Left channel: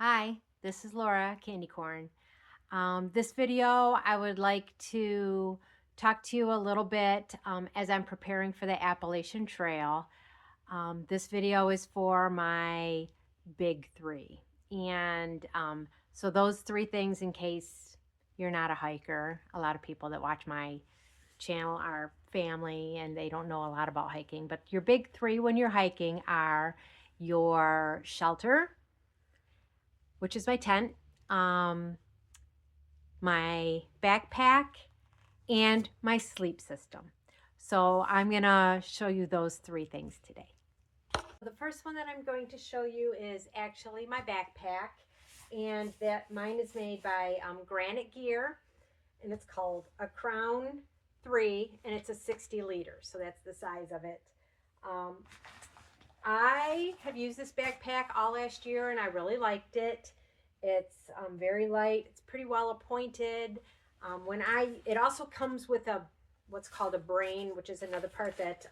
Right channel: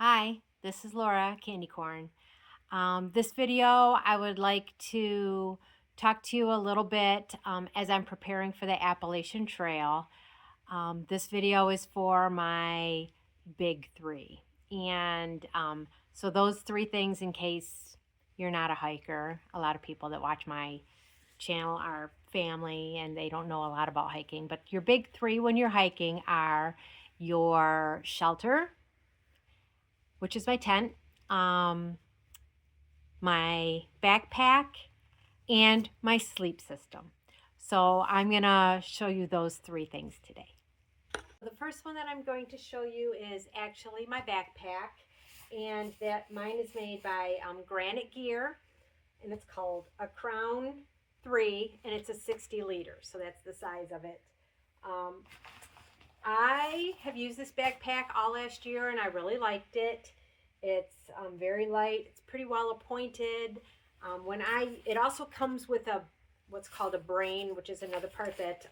Hi, this is Laura Candy Corn. This video, I would like to talk to you a little bit as I'm preparing for the Appalachian Trail. This video is for my big three. And so those three things, in case you're not a hiker, a lot of people that watch my channel are family and they don't know a lot about hiking. But your big three when you're hiking are your shelter, which is my tent, my backpack, and my sleep system. So I'm gonna show you those three things today. The first one that I'm going to show you is actually my backpack, and that mine is made by Granite gear, and it's called a Crown 3, and it's a 60 liter, so that's the size of it. I have used this backpack all last year and I really liked it. It's very light. It's pretty well appointed. It also comes with what's called a brain, which is another part that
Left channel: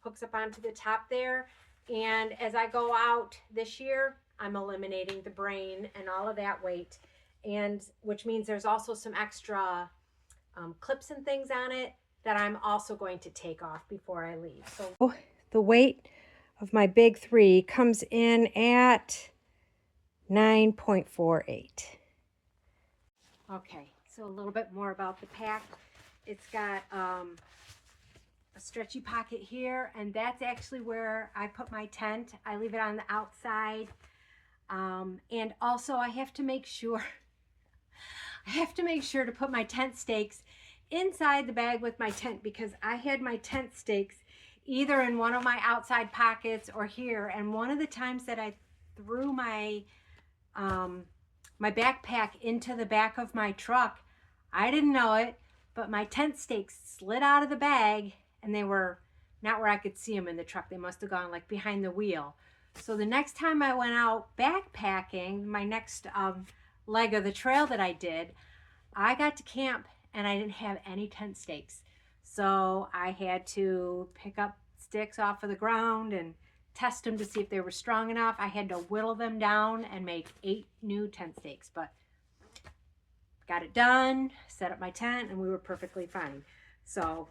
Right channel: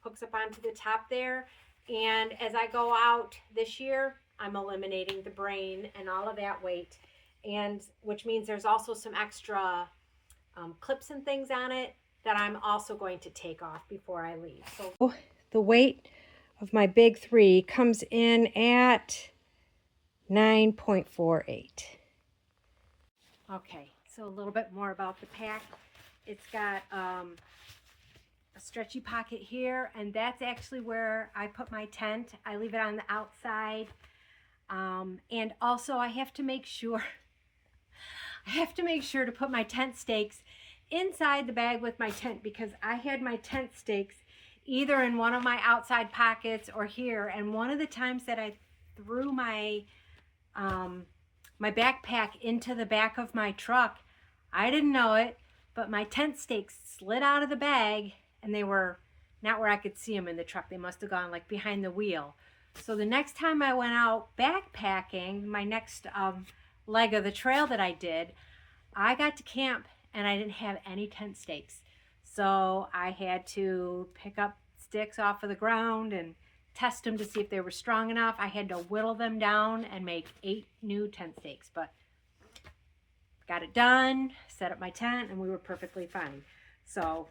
hooks up onto the top there. And as I go out this year, I'm eliminating the brain and all of that weight, and which means there's also some extra clips and things on it that I'm also going to take off before I leave. So the weight of my big three comes in at 9.48. Okay, so a little bit more about the pack. It's got a stretchy pocket here, and that's actually where I put my tent. I leave it on the outside. And also I have to make sure to put my tent stakes inside the bag with my tent, because I had my tent stakes either in one of my outside pockets or here. And one of the times that I threw my my backpack into the back of my truck, I didn't know it, but my tent stakes slid out of the bag, and they were not where I could see them in the truck. They must have gone like behind the wheel. So the next time I went out backpacking, my next leg of the trail that I did, I got to camp and I didn't have any tent stakes. So I had to pick up sticks off of the ground and test them to see if they were strong enough. I had to whittle them down and make 8 new tent stakes, but got it done, set up my tent, and we were perfectly fine. So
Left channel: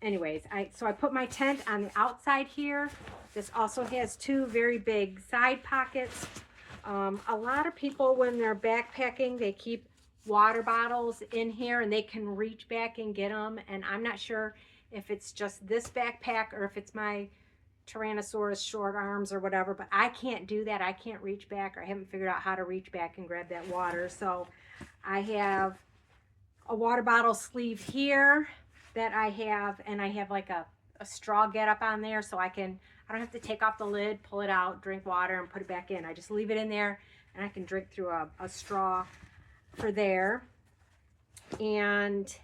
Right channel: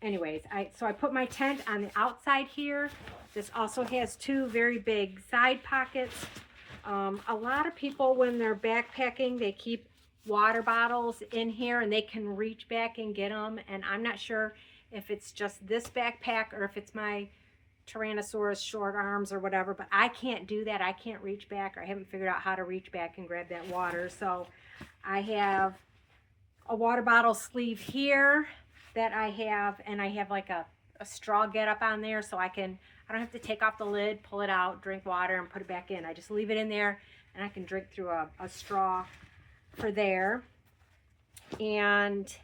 anyways, I put my tent on the outside here. This also has 2 very big side pockets. A lot of people, when they're backpacking, they keep water bottles in here and they can reach back and get them. And I'm not sure if it's just this backpack or if it's my Tyrannosaurus short arms or whatever, but I can't do that. I can't reach back, or I haven't figured out how to reach back and grab that water. So I have a water bottle sleeve here that I have, and I have like a straw get up on there, so I don't have to take off the lid, pull it out, drink water, and put it back in. I just leave it in there and I can drink through a straw for there. And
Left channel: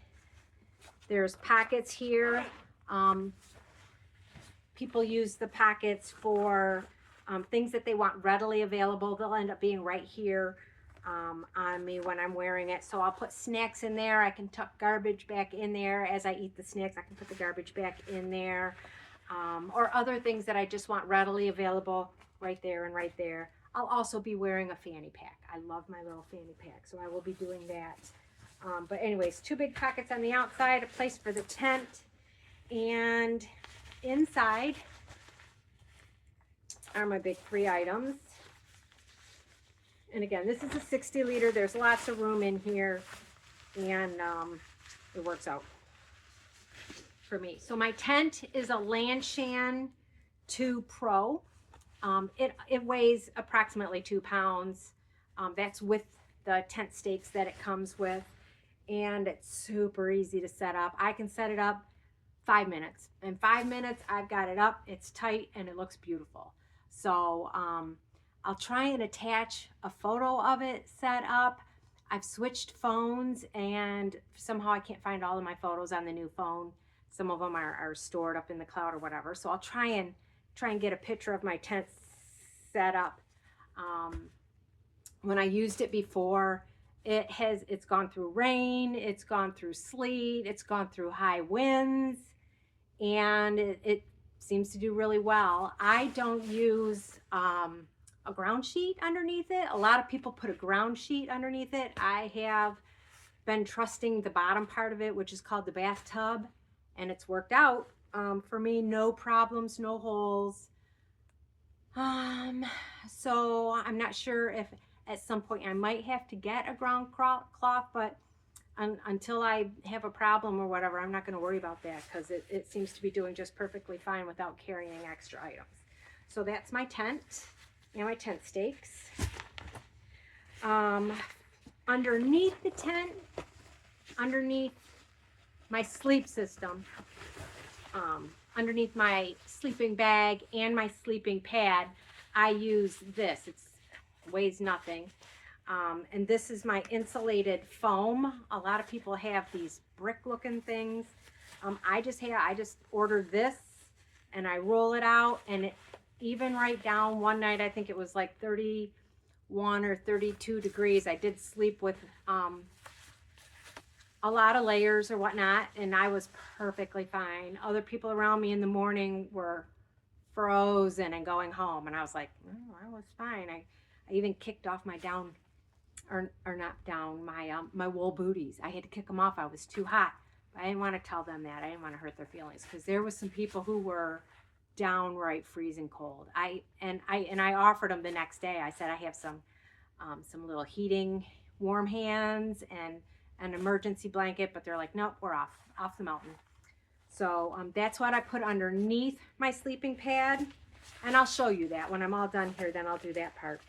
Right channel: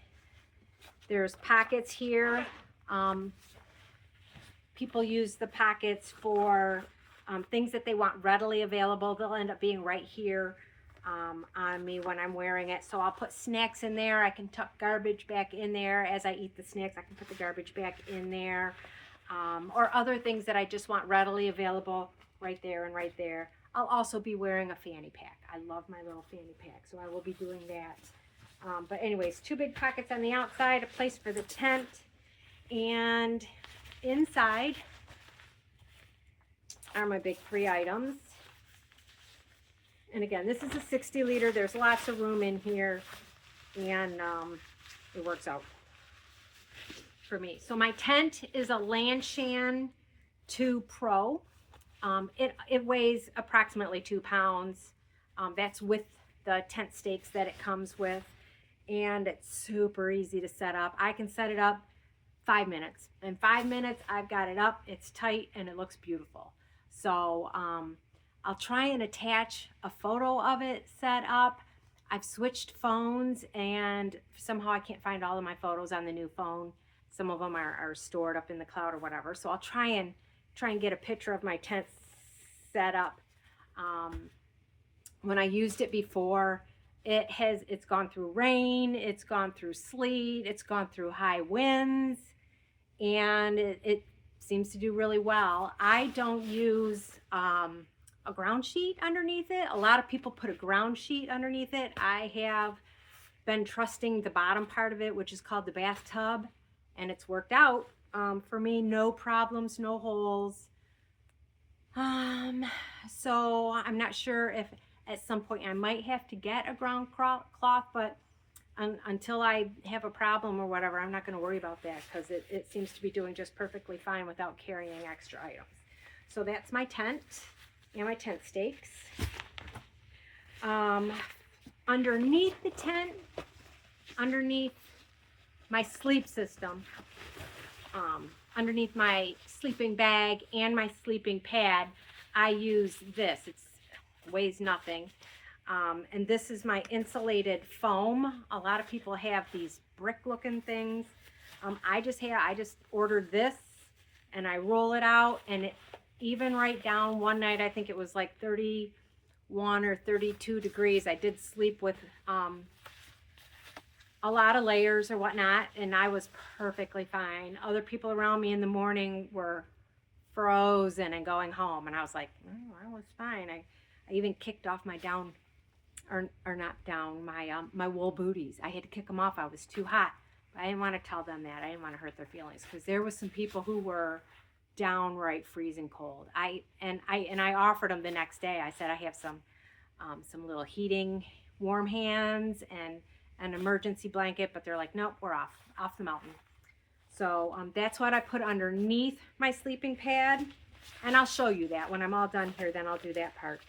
there's pockets here. People use the pockets for things that they want readily available. They'll end up being right here on me when I'm wearing it. So I'll put snacks in there. I can tuck garbage back in there. As I eat the snacks, I can put the garbage back in there. Or other things that I just want readily available right there and right there. I'll also be wearing a fanny pack. I love my little fanny pack, so I will be doing that. But anyways, 2 big pockets on the outside, a place for the tent, and inside are my big 3 items. And again, this is a 60 liter. There's lots of room in here, and it works out for me. So my tent is a Lanshan 2 Pro. It weighs approximately 2 pounds. That's with the tent stakes that it comes with, and it's super easy to set up. I can set it up 5 minutes. In 5 minutes, I've got it up. It's tight and it looks beautiful. So I'll try and attach a photo of it set up. I've switched phones, and somehow I can't find all of my photos on the new phone. Some of them are stored up in the cloud or whatever. So I'll try and get a picture of my tent set up. When I used it before, it's gone through rain, it's gone through sleet, it's gone through high winds, and it seems to do really well. I don't use a ground sheet underneath it. A lot of people put a ground sheet underneath it. I have been trusting the bottom part of it, which is called the bathtub, and it's worked out for me. No problems, no holes. So I'm not sure if at some point I might have to get a ground cloth, but until I have a problem or whatever, I'm not going to worry about that, because it seems to be doing just perfectly fine without carrying extra items. So that's my tent and my tent stakes. Underneath the tent, underneath my sleep system, underneath my sleeping bag and my sleeping pad, I use this. It weighs nothing. And this is my insulated foam. A lot of people have these brick looking things. I just ordered this, and I roll it out, and it even right down. One night, I think it was like 31 or 32 degrees. I did sleep with a lot of layers or whatnot, and I was perfectly fine. Other people around me in the morning were frozen and going home, and I was like, oh, I was fine. I even kicked off my down, or not down, my wool booties. I had to kick them off. I was too hot. But I didn't want to tell them that. I didn't want to hurt their feelings, because there was some people who were downright freezing cold. I offered them the next day. I said I have some little heating warm hands and an emergency blanket, but they're like, nope, we're off the mountain. So that's what I put underneath my sleeping pad, and I'll show you that when I'm all done here. Then I'll do that part.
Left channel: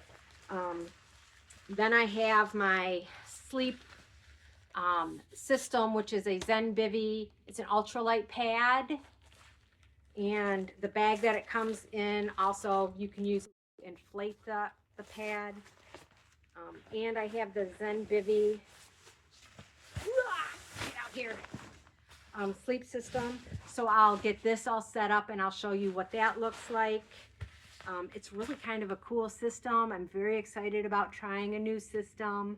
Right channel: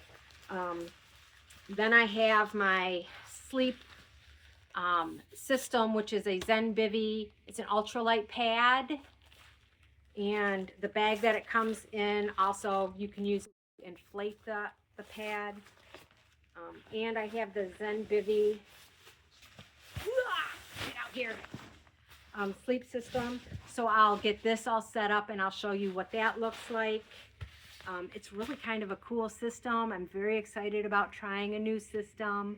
Then I have my sleep system, which is a Zenbivy. It's an ultralight pad, and the bag that it comes in, also you can use to inflate the pad. And I have the Zenbivy get out here sleep system. So I'll get this all set up, and I'll show you what that looks like. It's really kind of a cool system. I'm very excited about trying a new system.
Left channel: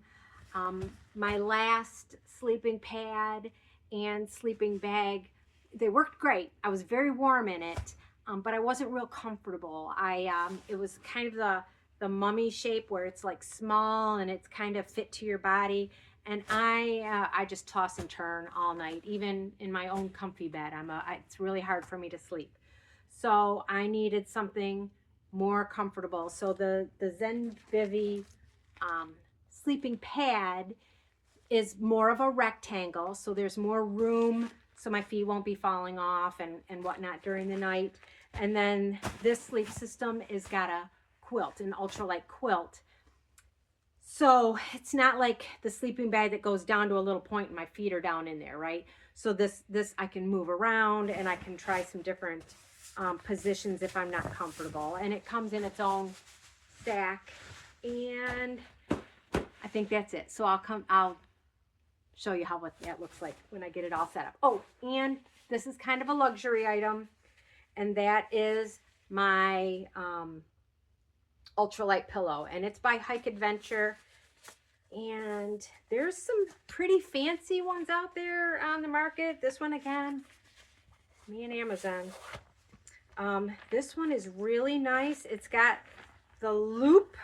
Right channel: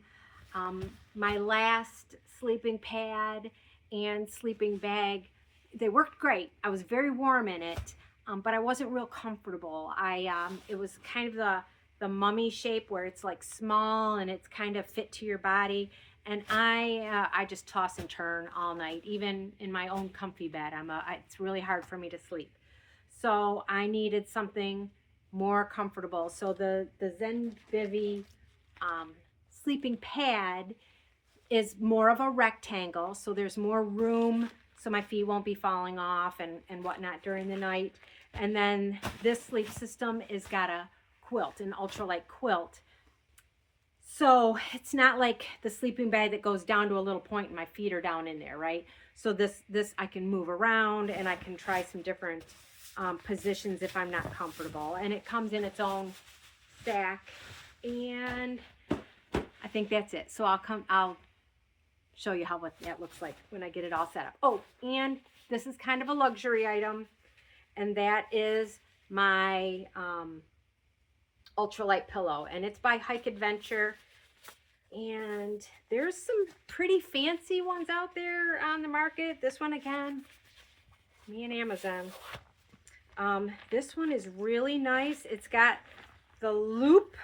My last sleeping pad and sleeping bag, they worked great. I was very warm in it, but I wasn't real comfortable. It was kind of the mummy shape, where it's like small and it's kind of fit to your body. And I just toss and turn all night, even in my own comfy bed. It's really hard for me to sleep. So I needed something more comfortable. So the Zenbivy sleeping pad is more of a rectangle, so there's more room, so my feet won't be falling off and whatnot during the night. And then this sleep system is got a quilt, an ultralight quilt. So it's not like the sleeping bag that goes down to a little point and my feet are down in there, right? So this I can move around, and I can try some different positions if I'm not comfortable. And it comes in its own stack, and I think that's it. So I'll show you what that looks like when I get it all set up. Oh, and this is kind of a luxury item, and that is my ultralight pillow, and it's by Hike Adventure. And there's some pretty fancy ones out there on the market. This one, again, me and Amazon. This one is really nice. It's got the loop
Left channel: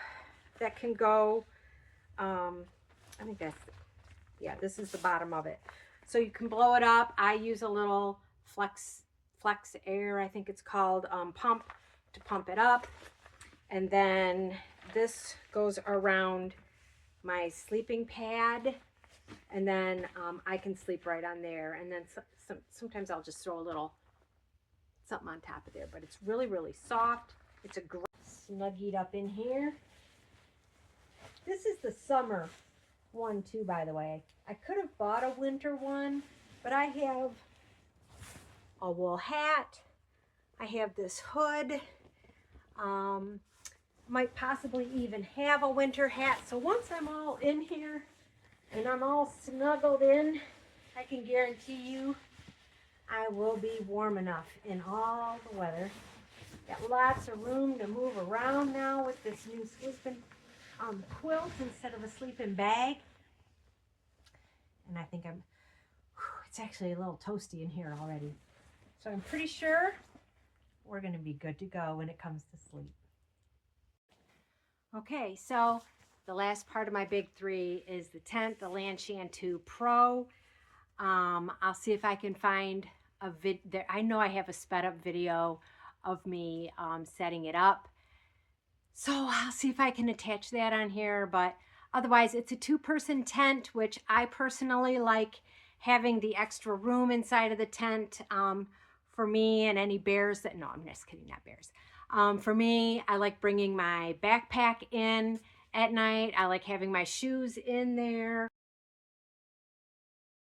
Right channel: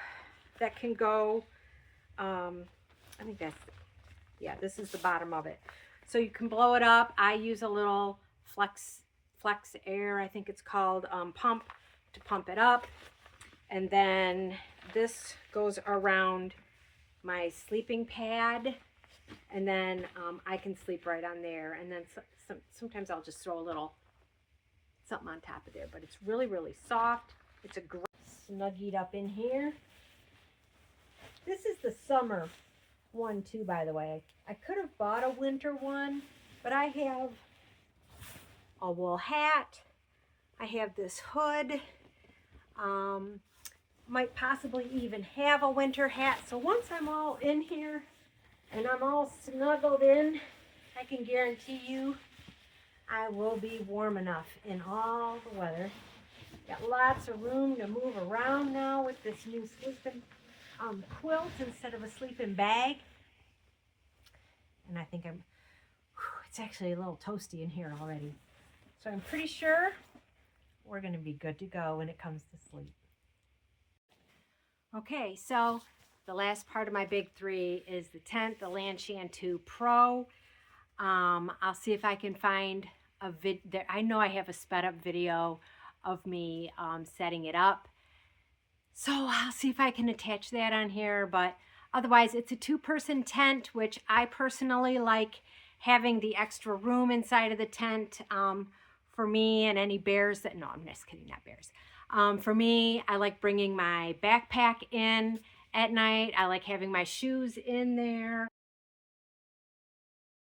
that can go, I think that's, yeah, this is the bottom of it. So you can blow it up. I use a little flex air, I think it's called, pump to pump it up. And then this goes around my sleeping pad, and then I can sleep right on there. And then sometimes I'll just throw a little something on top of there, but it's really, really soft. It's a great snuggied up in here. This is the summer one too, by the way. I could have bought a winter one, but I have a wool hat. I have this hood. Might possibly even have a winter hat. So once I'm all in here and I'm all snuggled in, I can guarantee you I will be warm enough in all the weather. Got lots of room to move around now with this new sleeping quilt instead of a sleeping bag. And I think it's actually a little toasty in here already. So I'm pretty sure we're going to be good to go when it comes to sleep. Okay, so the last part of my big three is the tent, the Lanshan 2 Pro. I'll see if I can find a I know I have a sped up video of me setting it up. So I'll see if I can attach that on here, but otherwise it's a 2-person tent, which I personally like having the extra room inside of the tent for me and any bears that, no, I'm just kidding, not bears. For me, I like bringing my backpack in at night. I like having my shoes in there.